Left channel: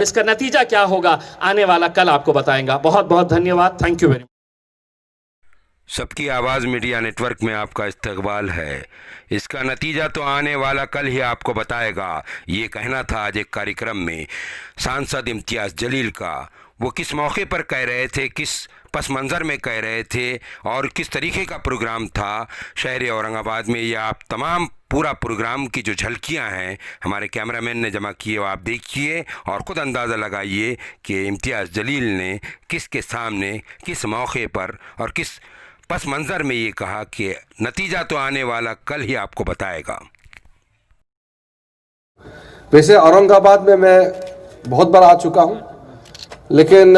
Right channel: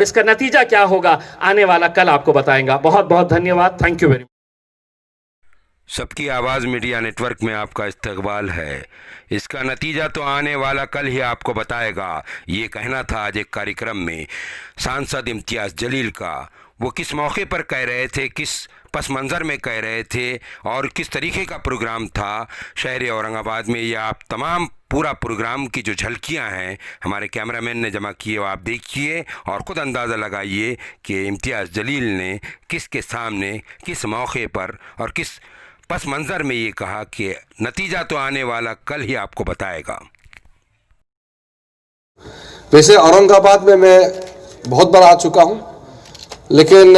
और इसका नतीजा क्या होगा आने वाला कल आपको बताएगा। बहुत बहुत धन्यवाद। Thank you very much. सबकी आवाज़ मीडिया नेटवर्क में आपका इस्तकबाल है। इसका नतीजा तो आने वाला कल ही आपको बताएगा। ये कहना था आज एक कार्यक्रम में सांसद इम्तियाज़ जलील का। वो किस मौके पर कह रहे थे, किस पस मंज़र में कह रहे थे और किस तरीके का प्रोग्राम था शहर औरंगाबाद में, ये आप तमाम पूरा प्रोग्राम की जो झलकियां हैं हमारे कैमरामैन ने जमा किए, वो आप देखिए और ख़ुद अंदाज़ा लगाइए कि इम्तियाज़ जलील ने किसके सामने किस मौके पर और किस पस मंज़र में ये कहा कि नतीजा तो आने वाला कल ही आपको बताएगा। वैसे औरंगाबाद में मैं बहुत बार आ चुका हूं, लेकिन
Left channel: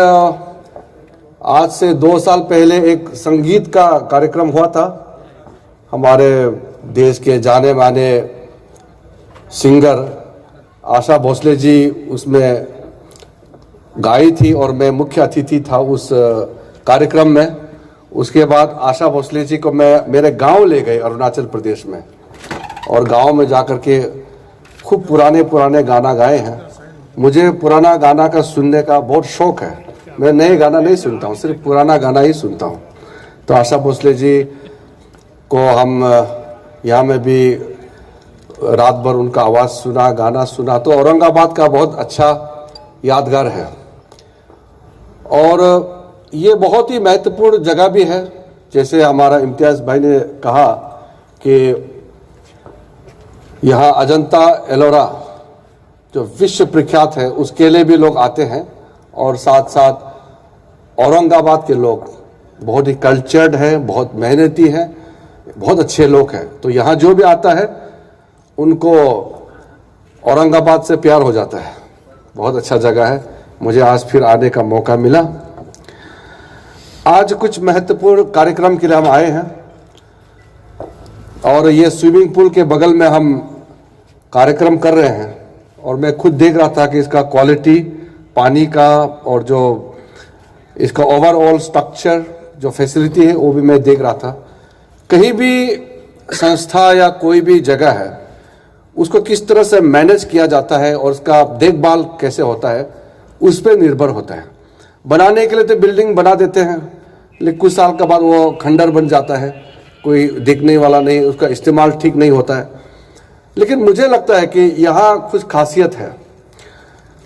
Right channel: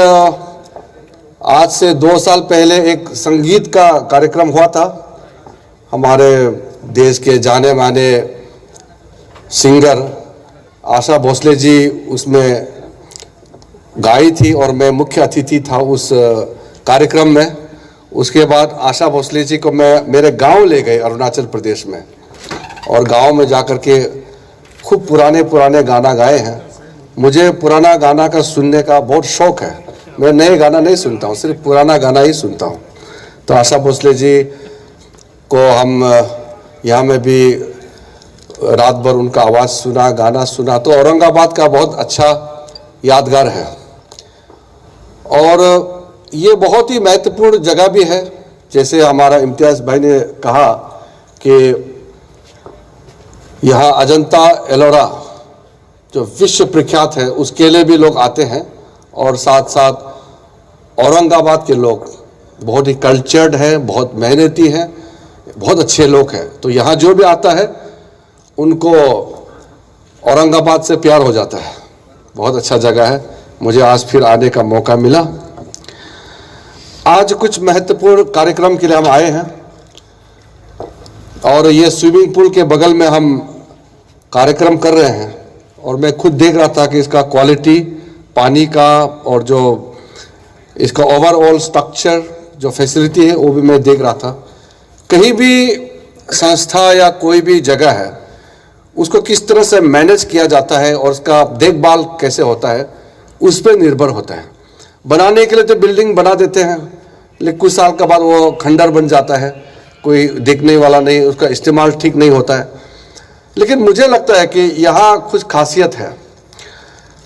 आज से 2 साल पहले एक संगीत का कार्यक्रम हुआ था। हमारे देश के जाने माने सिंगर आशा भोसले जी उसमें गाई थी और मैं मुख्य अतिथि था उस कार्यक्रम में। उसके बाद आशा भोसले जी को मैं मेरे गांव ले गए अरुणाचल प्रदेश में, और गांव में जाकर के खूब पुराने पुराने गाना गाए हैं। मुझे पुराना गाना का सुनने का बहुत शौक है। मैं नए गाना नहीं सुनता हूँ, सिर्फ पुराना गाना ही सुनता हूँ। तो आशा भोसले जी को हम यहाँ में भी रात भर उनका आवाज़ सुना, गाना सुना, तो औरंगाबाद का बहुत अच्छा यादगार है। और ये बहुत ही महत्वपूर्ण जगह भी है। जैसे हमारा इम्तियाज़ भाई ने कहा कि यहाँ अजंता एलोरा जो विश्व प्रख्यात है, उसके लिए भी लोग आते हैं, और साथ साथ औरंगाबाद के लोग बहुत ही कल्चर्ड हैं, बहुत मेहनती हैं, बहुत अच्छे लोग हैं। तो यहाँ जो भी आता है उनको औरंगाबाद से प्यार हो जाता है। बहुत अच्छा जगह है। मुझे आज फिर आने का मौका मिला। आज कुछ महत्वपूर्ण कार्यक्रम के लिए हम आए हैं, और ये स्विमिंग पूल के बगल में हम कार्यक्रम कर रहे हैं, और मैं खुद देख रहा था कि इसका क्वालिटी पानी का और जो इसका ओवरऑल स्ट्रक्चर जो फैसिलिटी है वो भी मैं देख रहा था। कहीं भी संस्था या कोई भी जगह है उसको किस तरह से मैनेज किया जाता है और उसका देखभाल कैसे होता है उस पर निर्भर होता है। बनाने के लिए तो बिल्डिंग बना देते हैं, लेकिन कुछ साल के बाद वो खंडर बन जाता है, कोई देखने वाला नहीं, उसका इस्तेमाल ठीक नहीं होता है। लेकिन मुझे लगता है कि यहाँ कुछ खासियत है।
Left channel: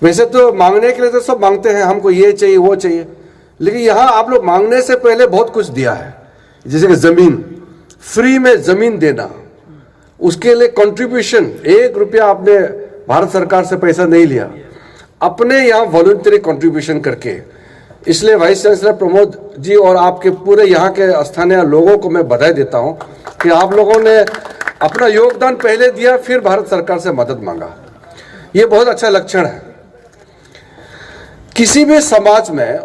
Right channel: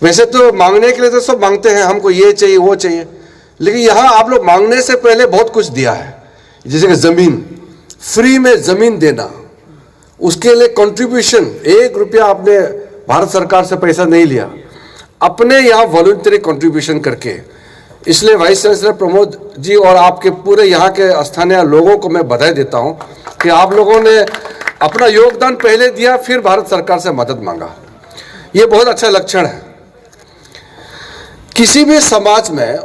वैसे तो मांगने के लिए तो सब मांगते हैं, हमको ये चाहिए वो चाहिए, लेकिन यहाँ आप लोग मांगने से पहले बहुत कुछ दिया है। जैसे कि ज़मीन, फ्री में ज़मीन देना, उसके लिए कंट्रीब्यूशन, 1 रुपया आपने भारत सरकार से पैसा नहीं लिया, अपने यहाँ वॉलंटरी कंट्रीब्यूशन करके। इसलिए वाइस चांसलर प्रमोद जी और आपके पूरे यहाँ के स्थानीय लोगों को मैं बधाई देता हूँ कि आप लोगों ने अपना योगदान पहले दिया, फिर भारत सरकार से मदद मांगा। ये बहुत अच्छा लक्षण है। किसी भी समाज में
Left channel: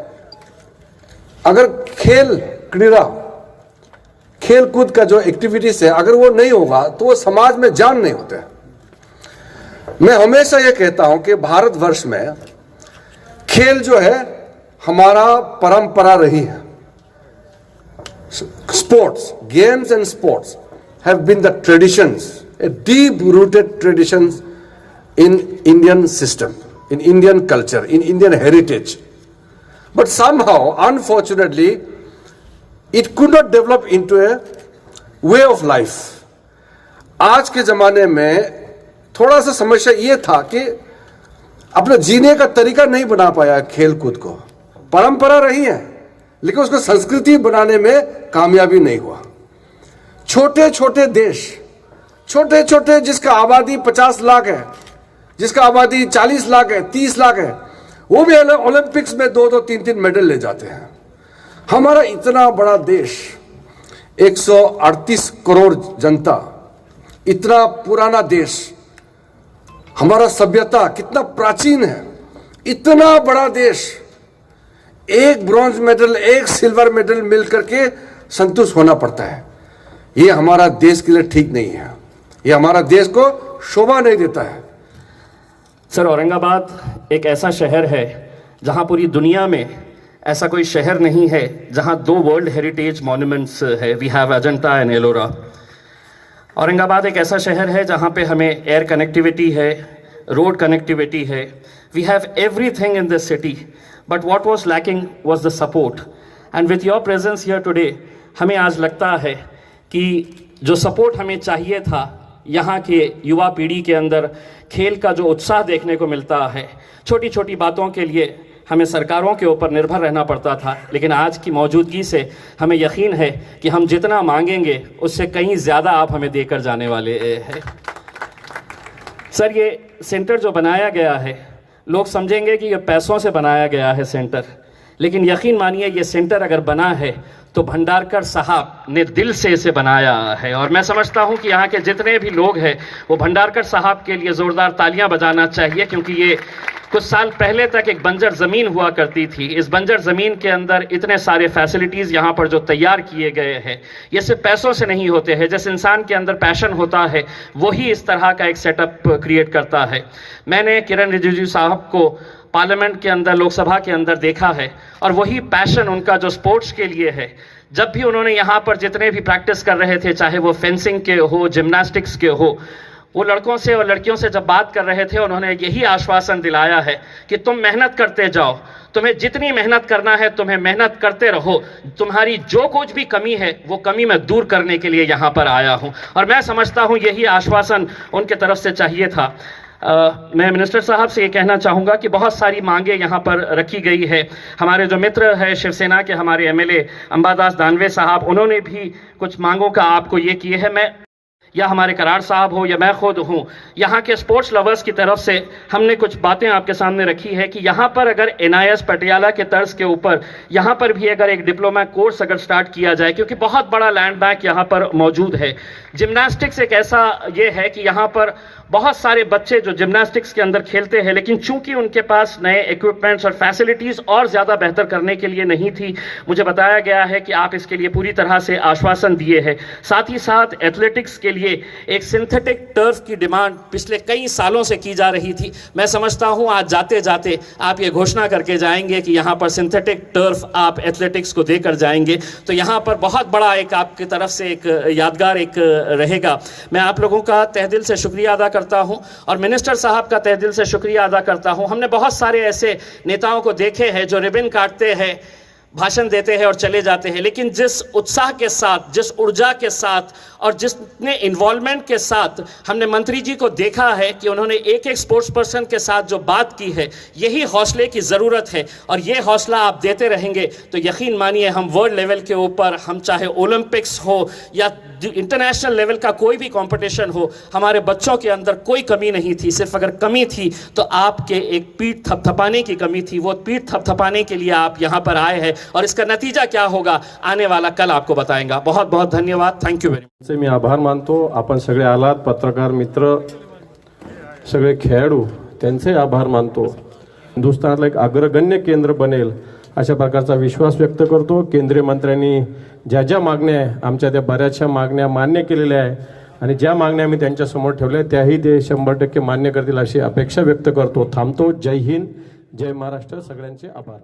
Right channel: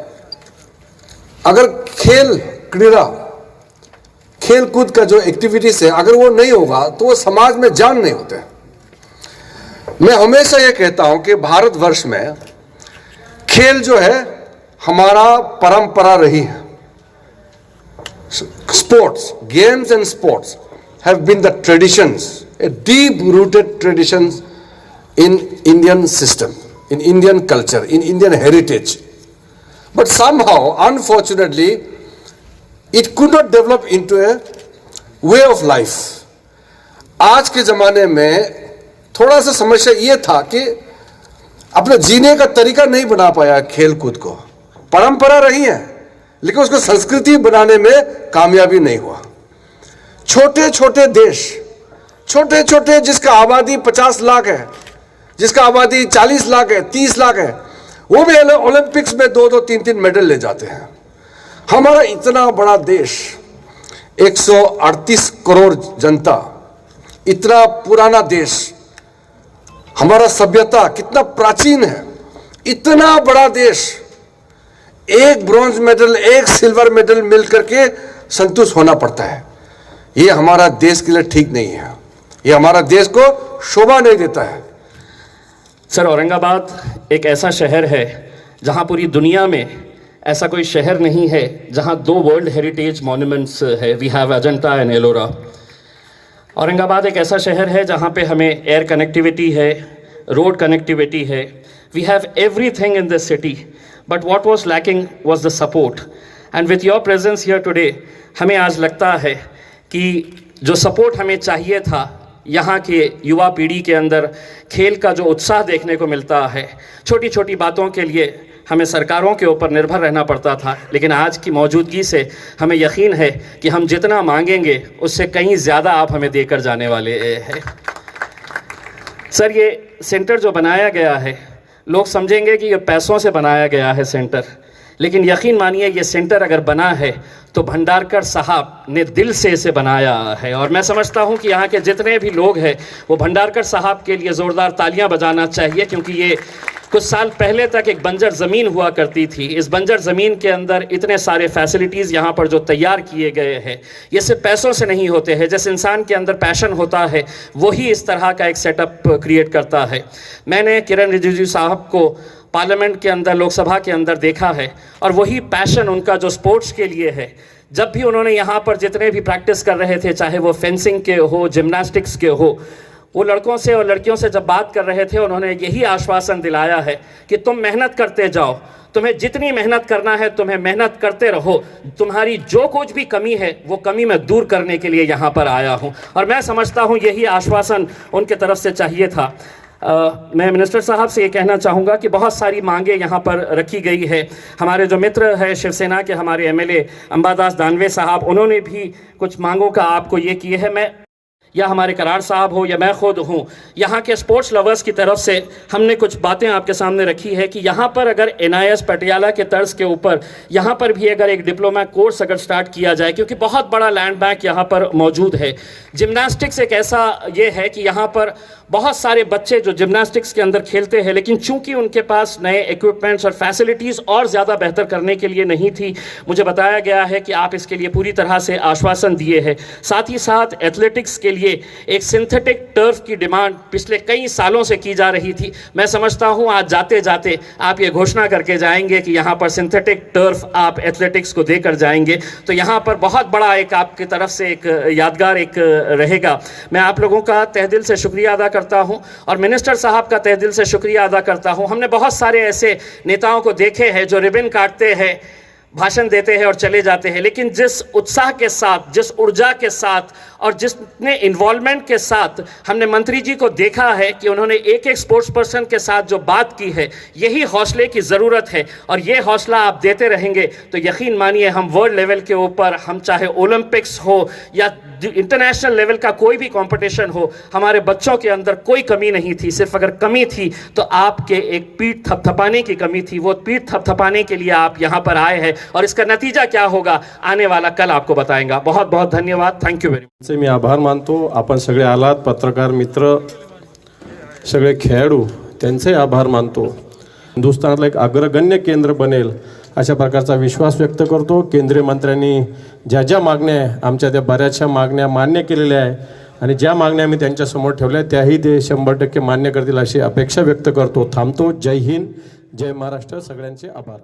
अगर क्रीड़ा खेल कूद का जो एक्टिविटीज है, अगर वो नहीं होगा तो वो समाज में जान नहीं होते। मैं हमेशा ये कहता हूं कि भारतवर्ष में खेल जो है हमारा परंपरा रही है। Sports, games and sports have been the traditions, a deep rooted traditions in Indian system, in Indian culture, in Indian heritage. But somehow, unfortunately, it could not develop into a way of life. आज के ज़माने में थोड़ा सा समस्या ये था कि अपने जीने का तरीका नहीं बना पाया खेल कूद को। परंपरा रही है, लेकिन उसको संस्कृति बनाने में कामयाबी नहीं हुआ। छोटे छोटे देश, छोटे छोटे जिसका आबादी 50 लाख है, जिसका आबादी 40 लाख है, 30 लाख है, वो भी ओलंपिक्स में 2-2, 3-3 मेडल ले जाते हैं। हमारा इतना बड़ा देश, 138 करोड़ जनता, इतना पुराना देश, हमारा सभ्यता कितना प्राचीन है, इतना बड़ा देश, एक ब्रॉन्ज मेडल, एक सिल्वर मेडल मिलकर के संतुष्ट होना पड़ता है। ये हमारा देश के लिए ठीक नहीं है, ये हमारा देश को शोभा नहीं देता है। सर, औरंगाबाद एक ऐसा शहर है जहां पूरी दुनिया में ऐसा कोई शहर नहीं है जहां 2 वर्ल्ड हेरिटेज मॉन्यूमेंट्स है। We have Ajanta and Ellora. Aurangabad एक ऐसा शहर है जहां पे हमें एयर कनेक्टिविटी है, रोड कनेक्टिविटी है, We have everything in this city, but what was lacking was the support. And with your presence here today, हमें आज लगता है कि जो सपोर्ट हमें चाहिए था, यहाँ के युवा पीढ़ी के अंदर खेल का जो उत्साह देखने को मिलता है, छोटी छोटी बातों के लिए हमें सरकारों के ऊपर निर्भर रहना पड़ता था, लेकिन आज की मौजूदगी से हमें यकीन है कि हम जितना मांगेंगे उससे कहीं ज़्यादा आप हमें देकर जाने वाले हैं। सर, ये सेंटर जो बनाया गया है, लोग समझेंगे कि ये पैसों से बनाया गया है सेंटर, लेकिन यकीन मानिए ये सेंटर अगर बना है तो भंडारकर साहब ने दिल से इसे बनाया है। और मैं समझता हूं कि यहाँ के जितने भी लोग हैं वो भंडारकर साहब के लिए ज़ोरदार तालियां बजाना चाहिए, क्योंकि ये कुछ साल पहले तक एक बंजर ज़मीन हुआ करती थी। इस बंजर ज़मीन के अंदर इतने सारे फैसिलिटीज़ यहाँ पर जो तैयार किए गए हैं, ये सिर्फ पैसों से नहीं होते हैं। जिस इंसान के अंदर पैशन होता है वही इस तरह का एक सेटअप क्रिएट करता है। मैंने किरण रिजिजू साहब को पार्लियामेंट के अंदर, लोकसभा के अंदर देखा है, और वही पैशन उनका जो स्पोर्ट्स के लिए है। जब भी उन्होंने यहाँ पर जितने भी प्रैक्टिस कर रहे थे, चाहे वो फेंसिंग के हो, जिम्नास्टिक्स के हो, वो लड़कों से और लड़कियों से जब बात कर रहे थे, उन्होंने यही आश्वासन दिलाया है कि तुम मेहनत करते जाओ, तुम्हें जितनी मेहनत करना है तुम्हें मेहनत करते रहो, तुम्हारी जो कुछ भी कमी है वो कमी मैं दूर करने के लिए यहाँ पर आया हूँ। और मैं समझता हूँ यही आश्वासन उनके तरफ से चाहिए था। मैं मिनिस्टर साहब से ये कहना चाहूँगा कि बहुत सारी मांगे यहाँ पर रखी गई है। हमारे जो मित्र हैं शिवसेना के, हमारे एमएलए अंबादास दानवे साहब, उन्होंने भी कुछ मांगों का आपको ये किए हैं। मैं या हमारे करार साहब हो या मैं खुद हूँ, यहाँ के स्पोर्ट्स लवर्स की तरफ से हमने कुछ बातें आपके सामने रखी है कि यहाँ पर अगर NIS पटियाला के तर्ज के ऊपर यहाँ पर भी अगर एक डिप्लोमा कोर्स अगर स्टार्ट किया जाए, क्योंकि बहुत बड़ा लैंड बैंक यहाँ पर मौजूद है। जिम्नास्टिक्स एक ऐसा ये है कि यहाँ पर बहुत सारे बच्चे जो जिम्नास्टिक्स के अंदर खेलते हैं, लेकिन चूंकि उनके पास नए इक्विपमेंट्स और फैसिलिटीज़ और ज़्यादा बेहतर करने के लिए नहीं थी, मुझे बताया गया है कि आप इसके लिए पूरी तरह से आश्वासन दिए हैं। साथ ही साथ एथलेटिक्स के लिए एक सिंथेटिक टर्फ की डिमांड पिछले कई सालों से की जा रही थी। मैं समझता हूं आज जाते जाते आप ये घोषणा करके जाएंगे कि यहाँ पर सिंथेटिक टर्फ आप एथलेटिक्स को देकर जाएंगे, तो यहाँ पर बहुत बड़ा एक आपकी तरफ से एक यादगार एक रहेगा। मैं आप लोगों का तहे दिल से शुक्रिया अदा करता हूं और मिनिस्टर साहब का तहे दिल से शुक्रिया अदा करता हूं। हमने बहुत सारे ऐसे नेताओं को देखे हैं जो रिबन काटते हैं, भाषण देते हैं और चले जाते हैं, लेकिन जिस उत्साह के साथ, जिस ऊर्जा के साथ और जितने इन्वॉल्वमेंट के साथ हमने मंत्री जी को देखा है कि उन्होंने एक एक स्पोर्ट्स पर्सन के साथ जो बात की है, यही हौसले की ज़रूरत है। और ये हौसला आप देते रहेंगे तो यकीन मानिए हम वर्ल्ड लेवल के ऊपर, हम चाहे ओलंपिक्स हो या इंटरनेशनल लेवल का कोई भी कंपटीशन हो, हमारे बच्चों के अंदर कोई कमी नहीं थी। सिर्फ अगर कमी थी तो आपके एक पीठ थपथपाने की कमी थी। वो पीठ थपथपाने के लिए आप यहाँ पर आए हैं और इसका नतीजा क्या होगा आने वाला कल आपको बताएंगा। बहुत बहुत धन्यवाद। Thank you very much. मी आभार मानतो। आपण सगळे आलात, पत्रकार मित्र, सगळे खेळाडू, त्यांचे आभार मानतो। हिंदुस्थानातलं एक अग्रगण्य केंद्र बनेल अशा प्रकारचा विश्वास व्यक्त करतो। केंद्रीय मंत्र्यांनी ज्या ज्या मागण्या आमच्या त्या बऱ्याचशा मागण्या मान्य केलेल्या आहे आणि ज्या मागण्या मी त्यांच्या समोर ठेवल्या त्याही ते 100% मान्य करतील अशी अपेक्षा व्यक्त करतो। थांबतो। जय हिंद, जय महाराष्ट्र। सगळ्यांचे आभार।